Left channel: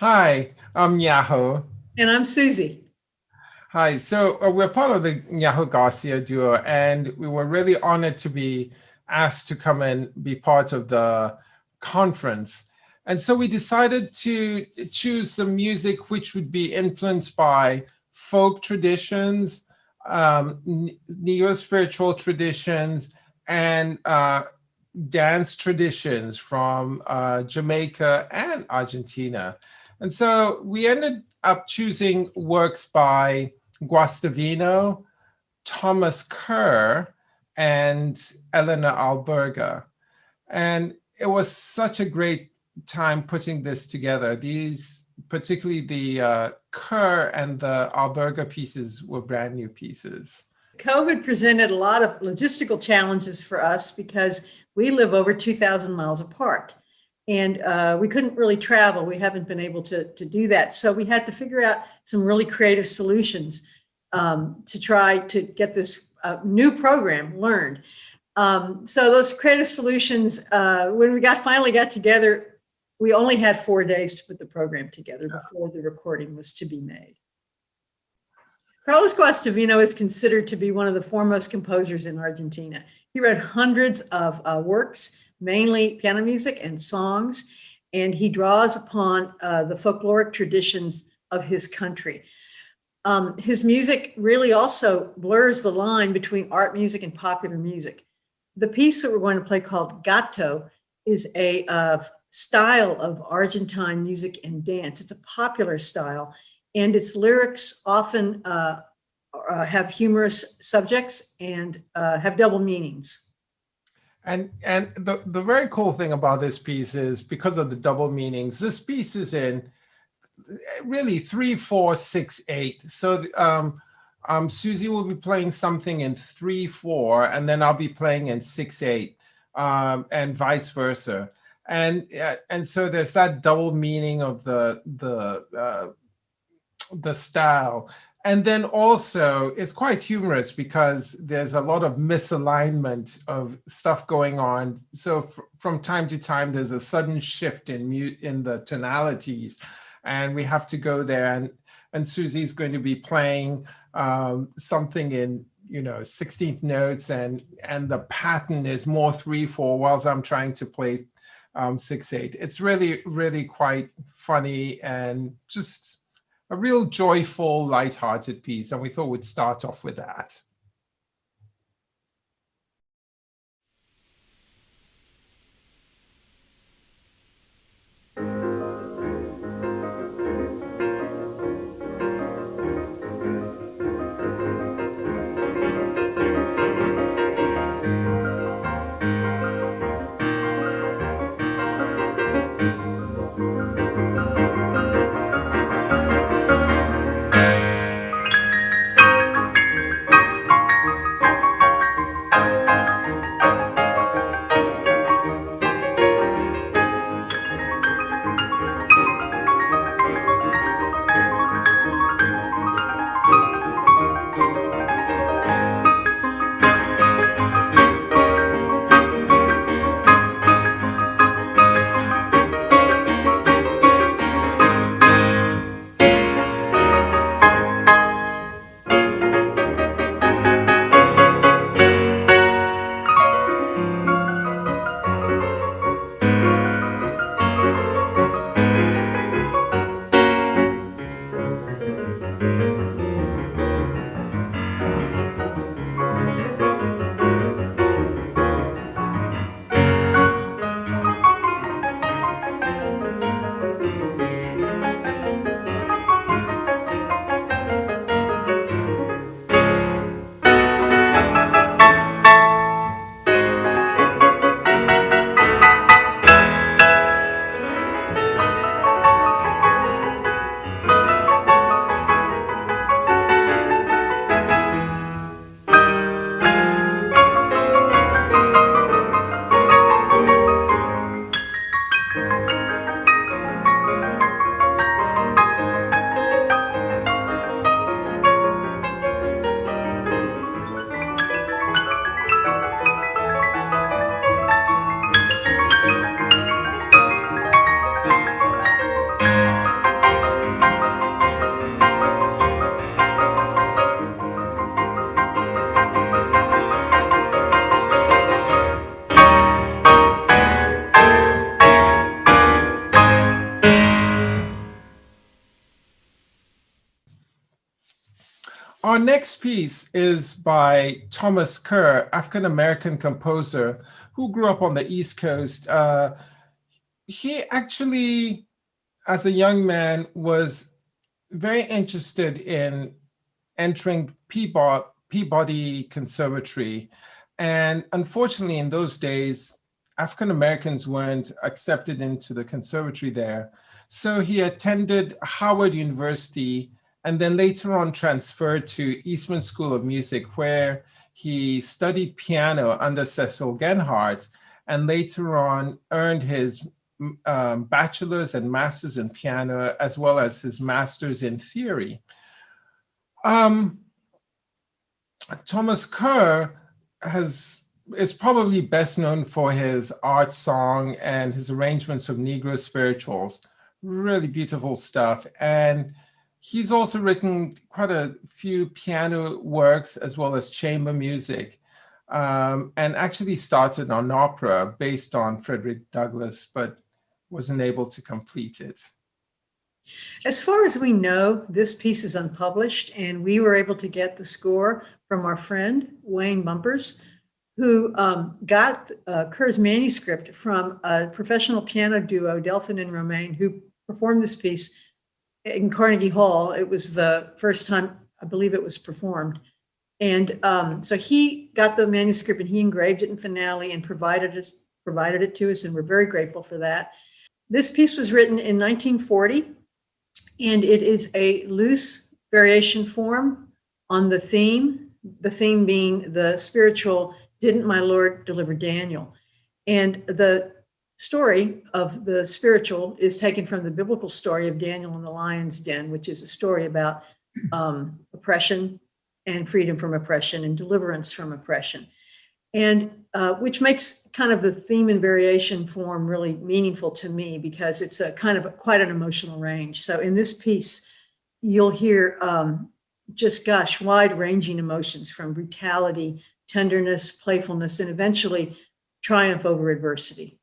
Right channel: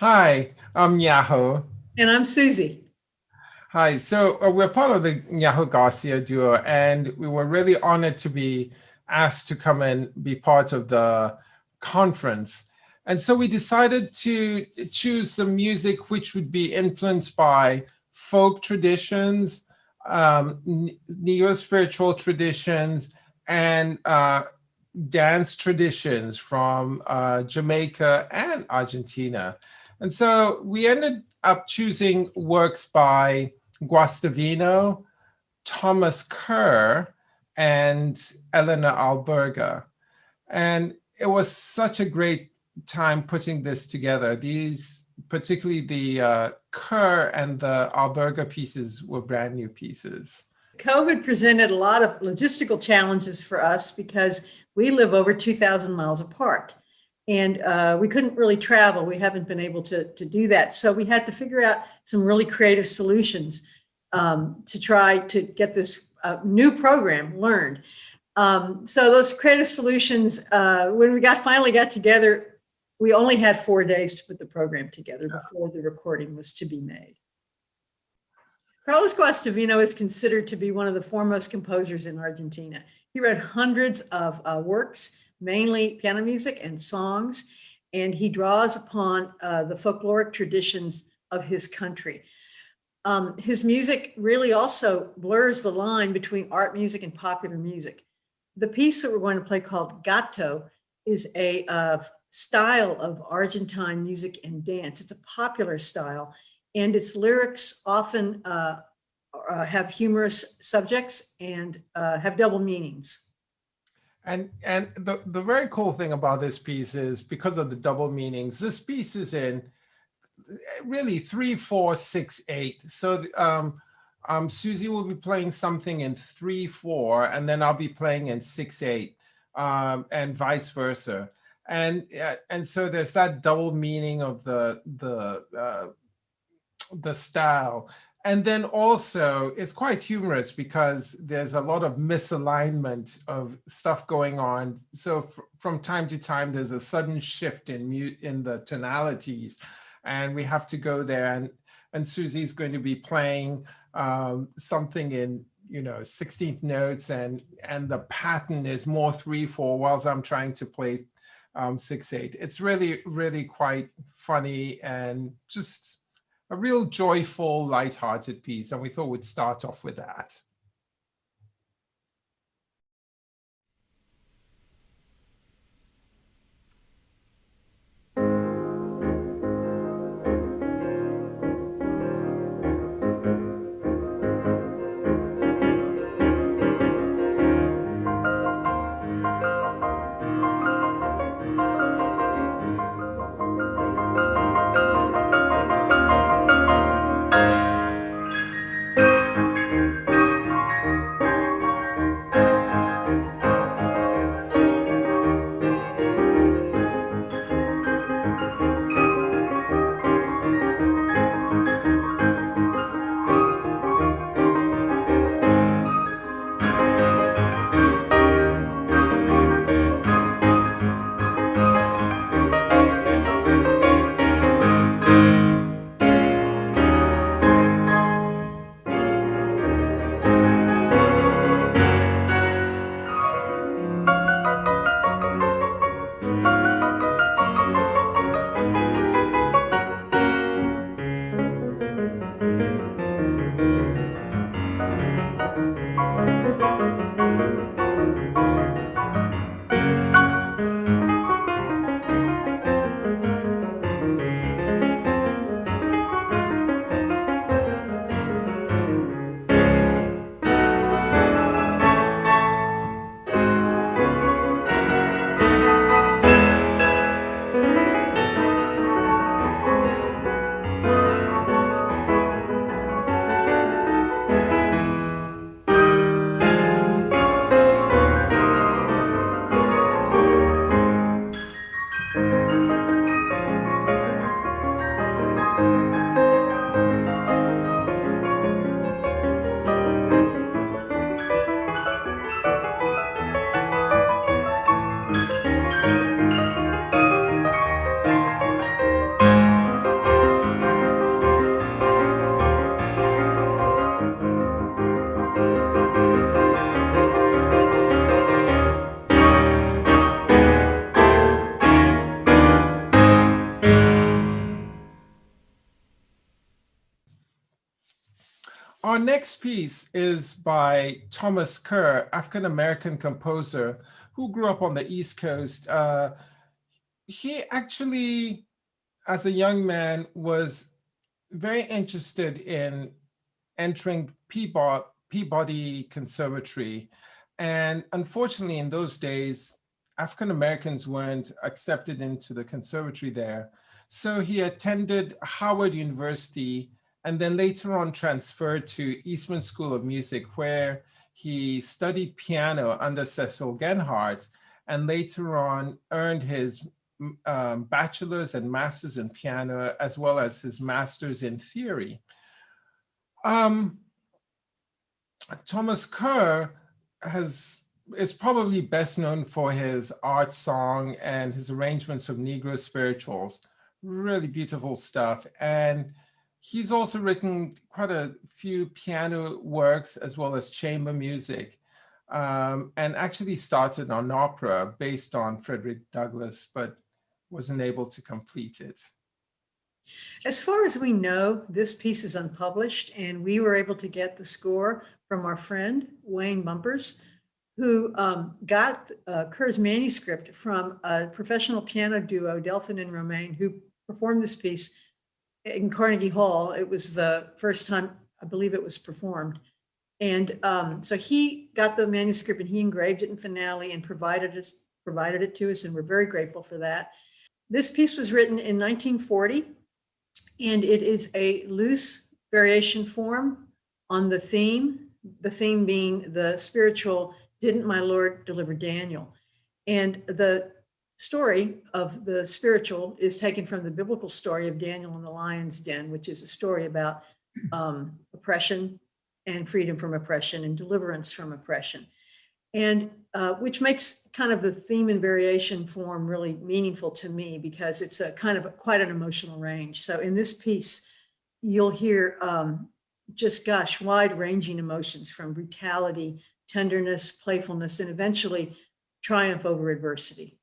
Hi, I'm Nyaho. And I'm Susie. Hi, so we're part of the Nyaho Garcia duo, and we were really honored to be asked to come and be part of the conference. And so we decided to choose some music which would be influenced by folk traditions, neo-spiritual traditions, and dance traditions from Jamaica and Argentina. And so we ended up choosing works by Guastavino, Thomas Kerr, and Eleanor Alberga. And it was such a great time putting this together. These, particularly the Kerr and the Alberga pieces, were brand new pieces. COVID presented a lot of logistical challenges for us because we live over 2,000 miles apart and we couldn't really travel. We haven't been able to do that. So we had to figure out some really creative solutions to try to get this new program learned. So those creative solutions, when we finally got together, we only had 4 days to put the program together before the recording was to be made. Carlos Guastavino is considered to be one of the foremost composers in Argentina. He wrote hundreds of works, mainly piano music and songs, and he draws upon the folkloric traditions of his country. His music really also blurs the line between art music and popular music. The piece that we're going to play called Gato is a style of Argentine music and dance. It's a popular style, and its lyrics often have humorous subjects and have double meanings. And the very cool thing about this piece is because of the double meanings, this piece is in really 3/4/6/8. So Susie will be playing something in 3/4, and then I'll be playing in 6/8, and vice versa. And so there's that double meaning of the style. And then also it's quite humorous because there's a lot of misalignment of stuff going on. So from time to time, there's a sudden shift in the tonalities, and we have to go there. And Susie's going to be playing something in 16th notes, and the pattern is more 3/4, whilst I'm trying to play 6/8. It's really quite funny and just a real joyful, light-hearted piece, and we thought we'd start off with that. Our next piece is by Thomas Kerr, African-American composer who grew up on the East Coast. He actually, as a young man, was very interested in entering Peabody Conservatory. And unfortunately, in those days, African Americans weren't accepted into the conservatory there. So he attended Howard University and then later on transferred to Eastman School of Music, where he studied piano under Cecil Genhardt and later on earned his bachelor's and master's in piano, as well as his master's in theory. Thomas Kerr is probably best known for his art song and his arrangements of Negro spirituals. Really beautiful stuff. And he's also written quite a few piano works as well as chamber music, and actually started an opera based on Frederick Douglass, but wasn't able to complete it. As far as we know, this piece is unpublished, and we were able to get the score from our friend, Wayne Bumpers, who got Kerr's manuscript from a professional piano duo, Delphin and Romaine, who performed this piece in Carnegie Hall. It was the first time, I believe, it was performed. And so he got the manuscript and he engraved it in finale and provided it to us, and we're very grateful for that. This piece was written in 1940, and it is a loose variation form on the theme being the spiritual, "Didn't my Lord deliver Daniel?" And the story of the spiritual is taken from the biblical story of Daniel in the lion's den, which is a story about oppression and freedom from oppression and deliverance from oppression. And which makes kind of the theme and variation form really meaningful to me, because it's a kind of quite an emotional range. So in this piece, you'll hear wide-ranging emotions from brutality, tenderness, playfulness, and eventually triumph over adversity.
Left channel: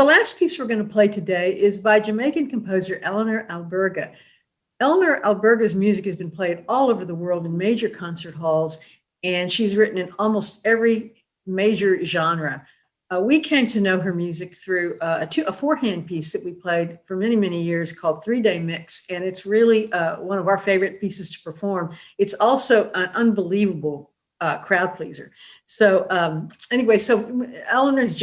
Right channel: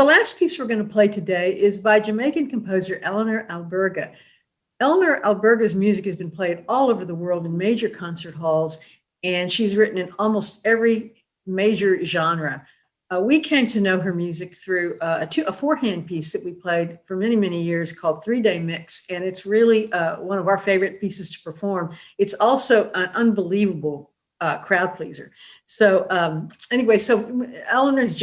the last piece we're going to play today is by Jamaican composer Eleanor Alberga. Eleanor Alberga's music has been played all over the world in major concert halls, and she's written in almost every major genre. We came to know her music through a four-hand piece that we played for many, many years called 3-Day Mix, and it's really one of our favorite pieces to perform. It's also an unbelievable crowd pleaser. So anyway, so Eleanor's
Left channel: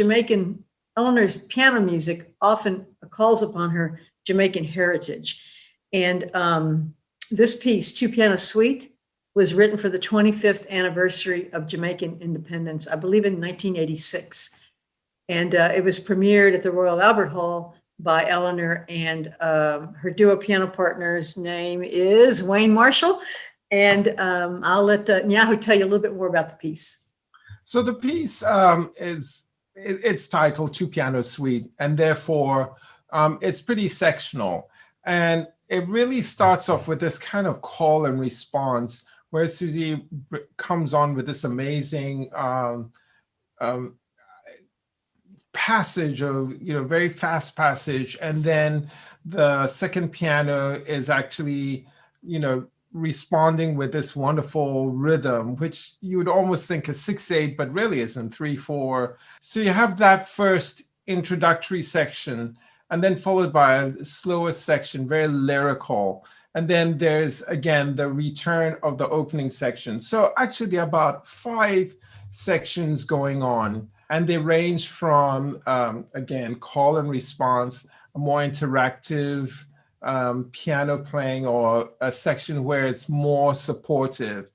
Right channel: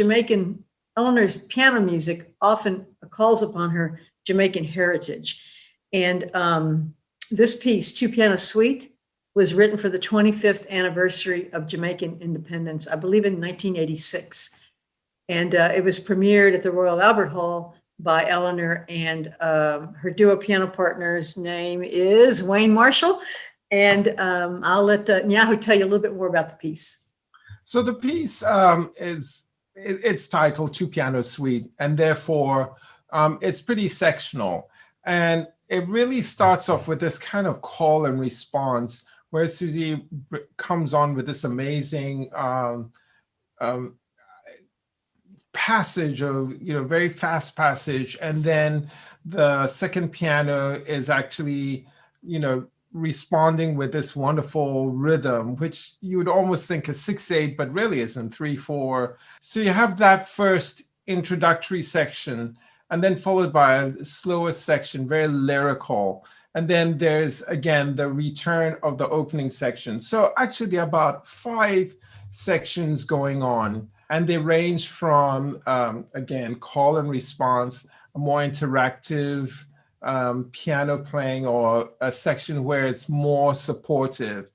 piano music often calls upon her Jamaican heritage. And this piece, Two Piano Suite, was written for the 25th anniversary of Jamaican independence, I believe in 1986. And it was premiered at the Royal Albert Hall by Eleanor, and her duo piano partner's name is Wayne Marshall. And I'll let Nyaho tell you a little bit more about the piece. So the piece it's titled Two Piano Suite, and therefore it's pretty sectional. And it really starts off with this kind of call and response where Susie comes on with this amazing passage of, very fast passage. And then the second piano is actually, responding with this wonderful rhythm, which you would almost think is 6/8, but really is in 3/4. So you have that first introductory section, and then followed by a slower section, very lyrical. And then there's, again, the return of the opening section. So actually there are about 5 sections going on, and they range from, again, call and response, a more interactive piano playing, or a section where it's more supportive.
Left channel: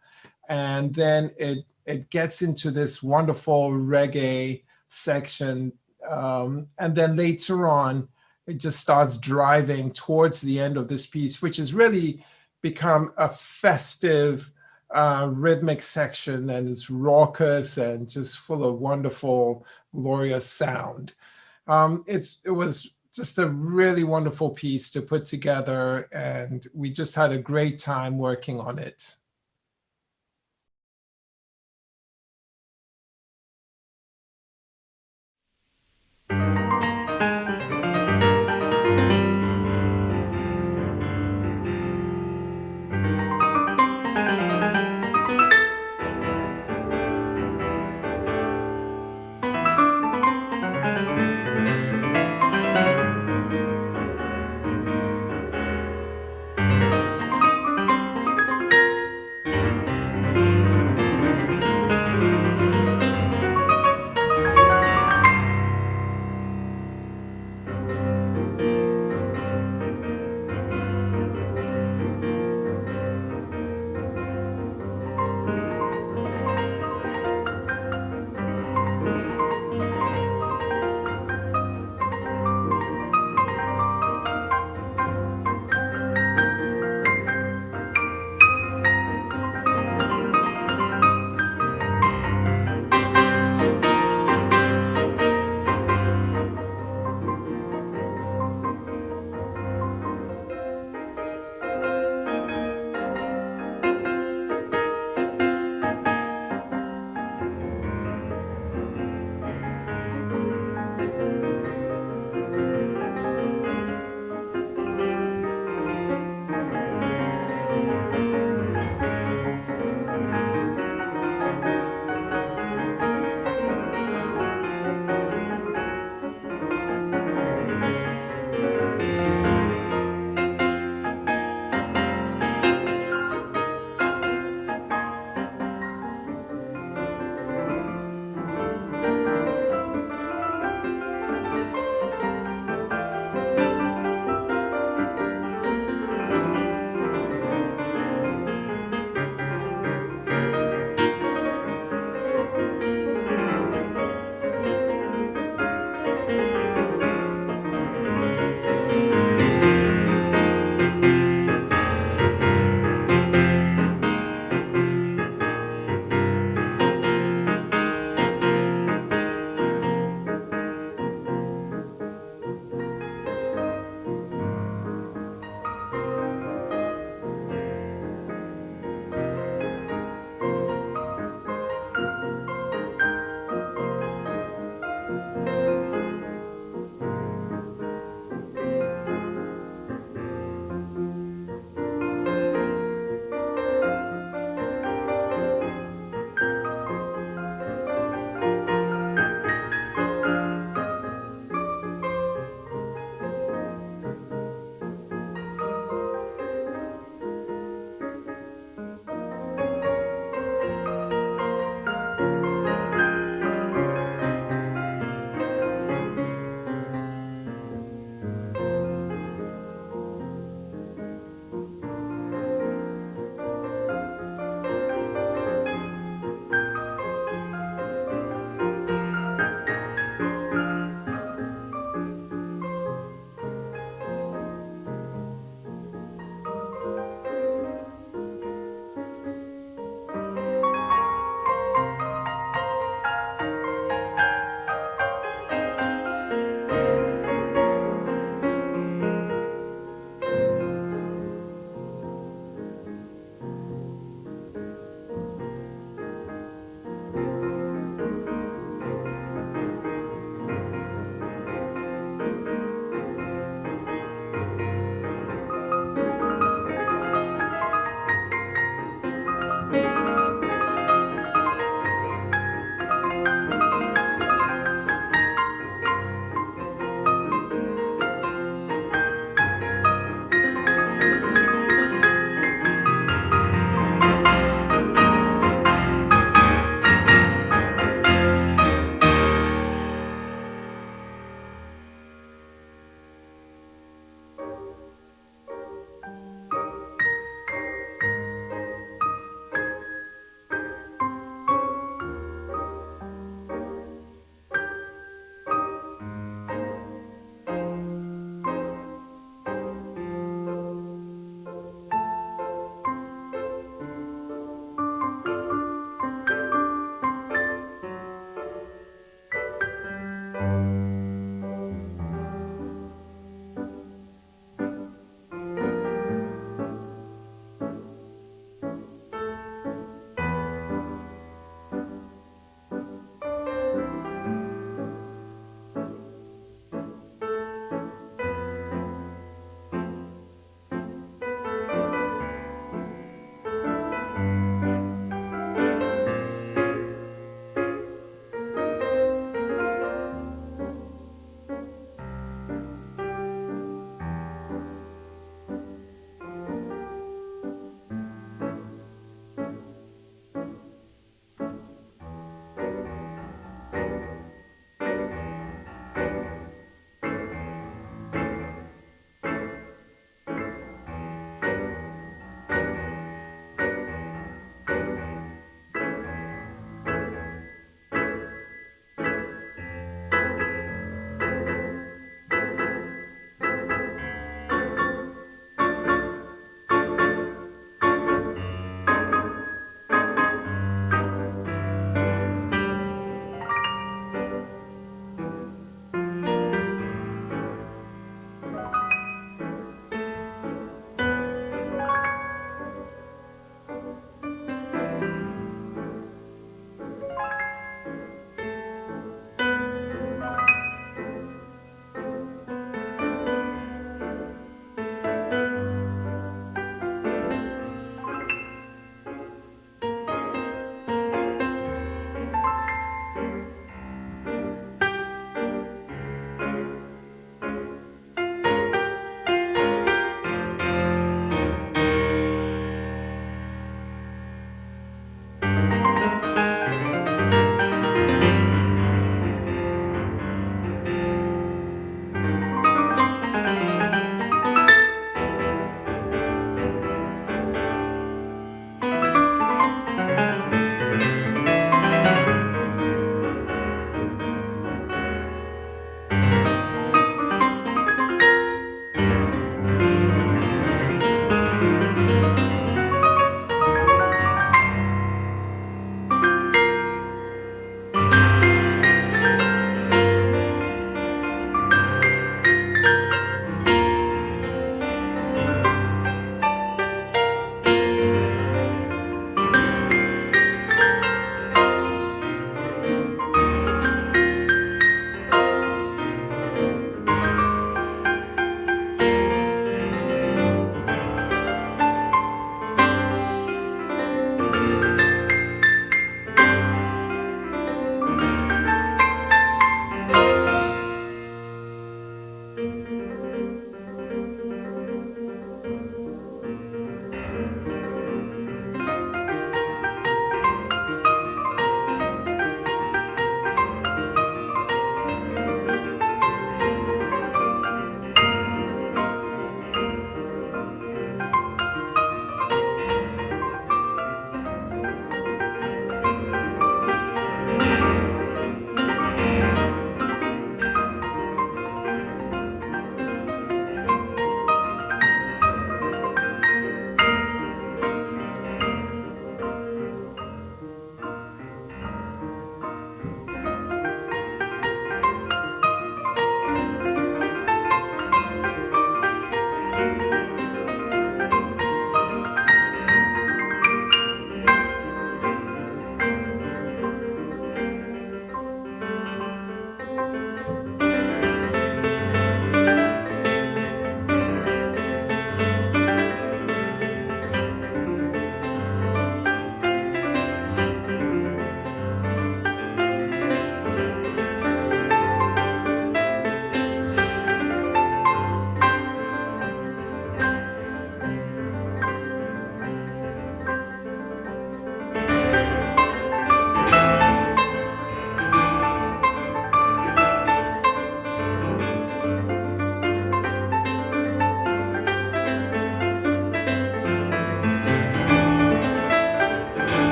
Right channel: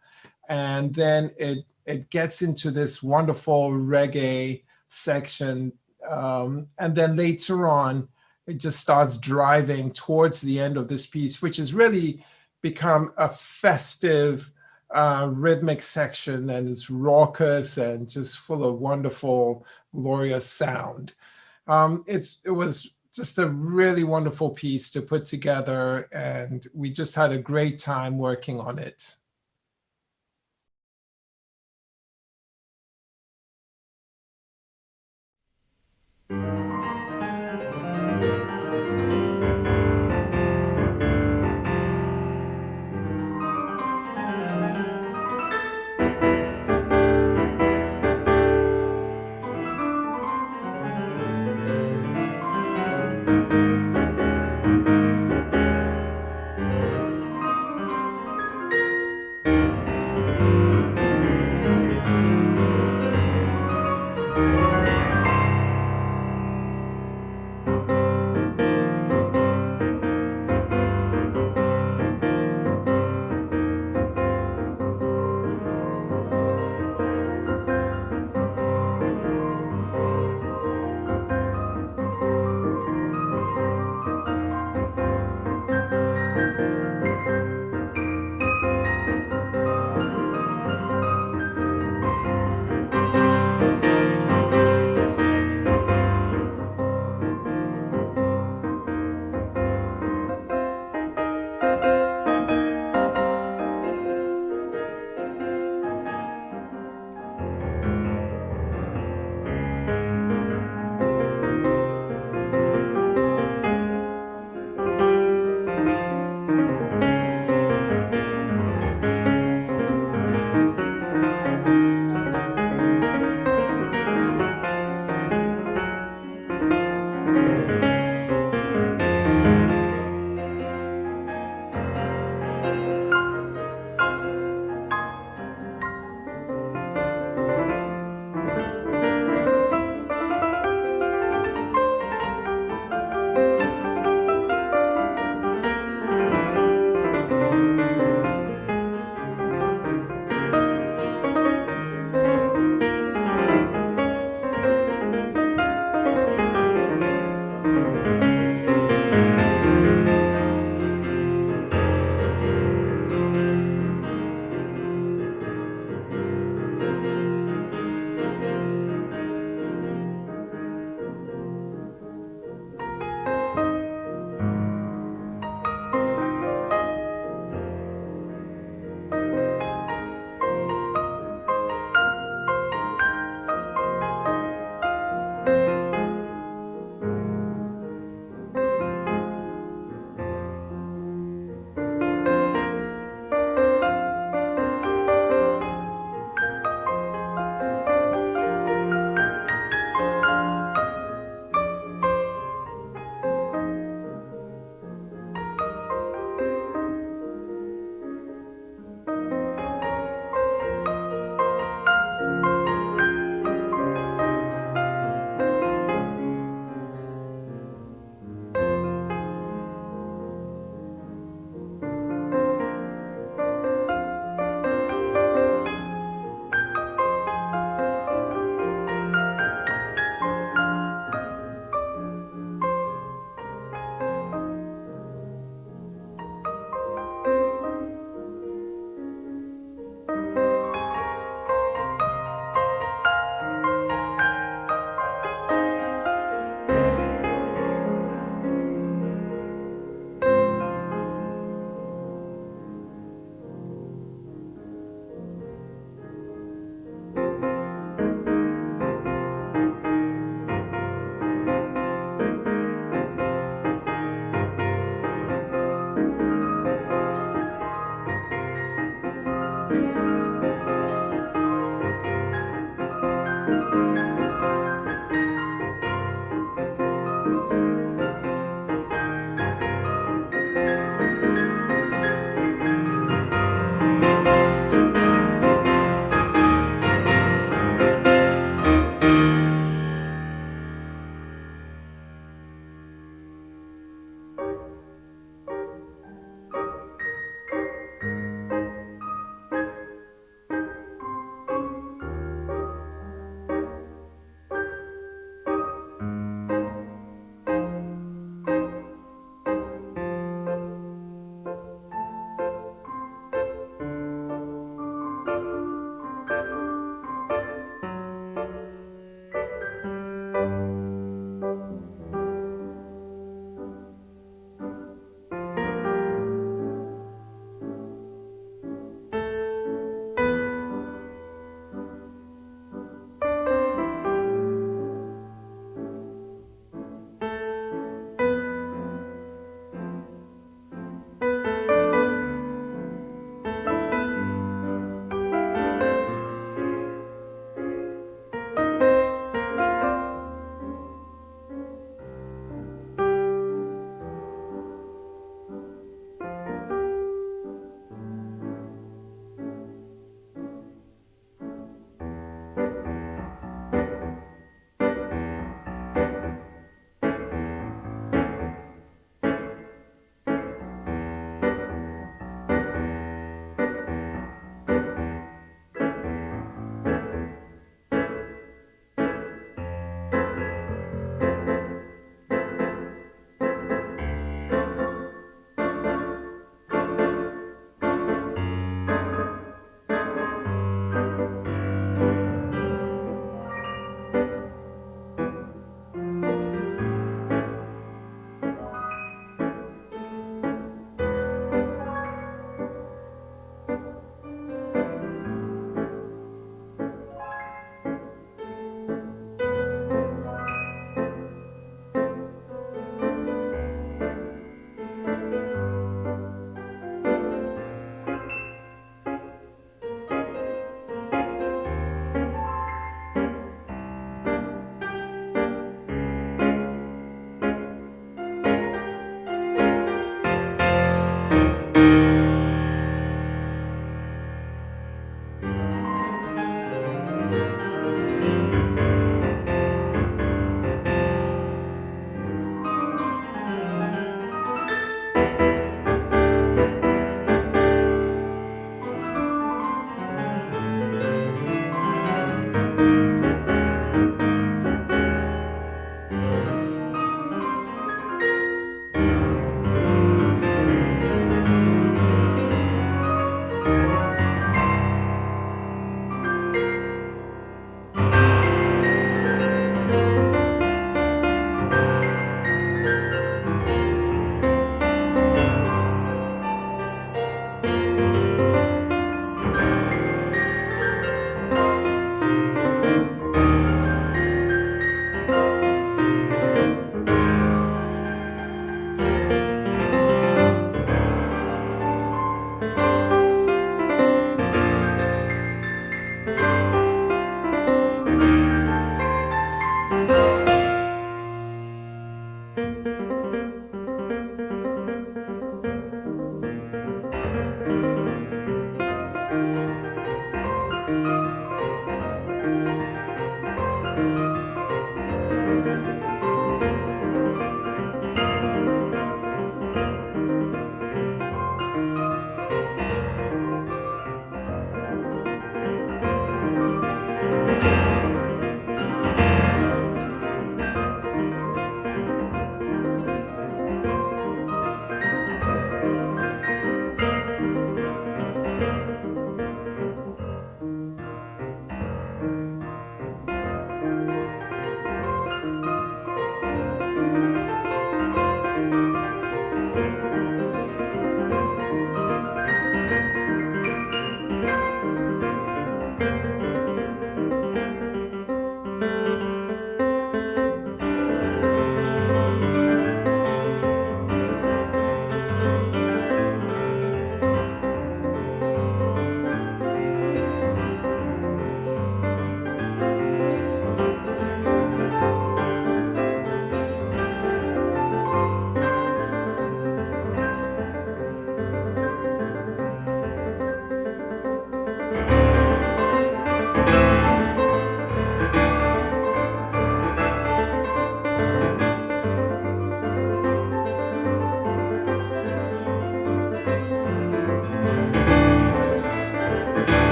And then it gets into this wonderful reggae section. And then later on, it just starts driving towards the end of this piece, which has really become a festive rhythmic section, and it's raucous and just full of wonderful, glorious sound. It was just a really wonderful piece to put together, and we just had a great time working on it.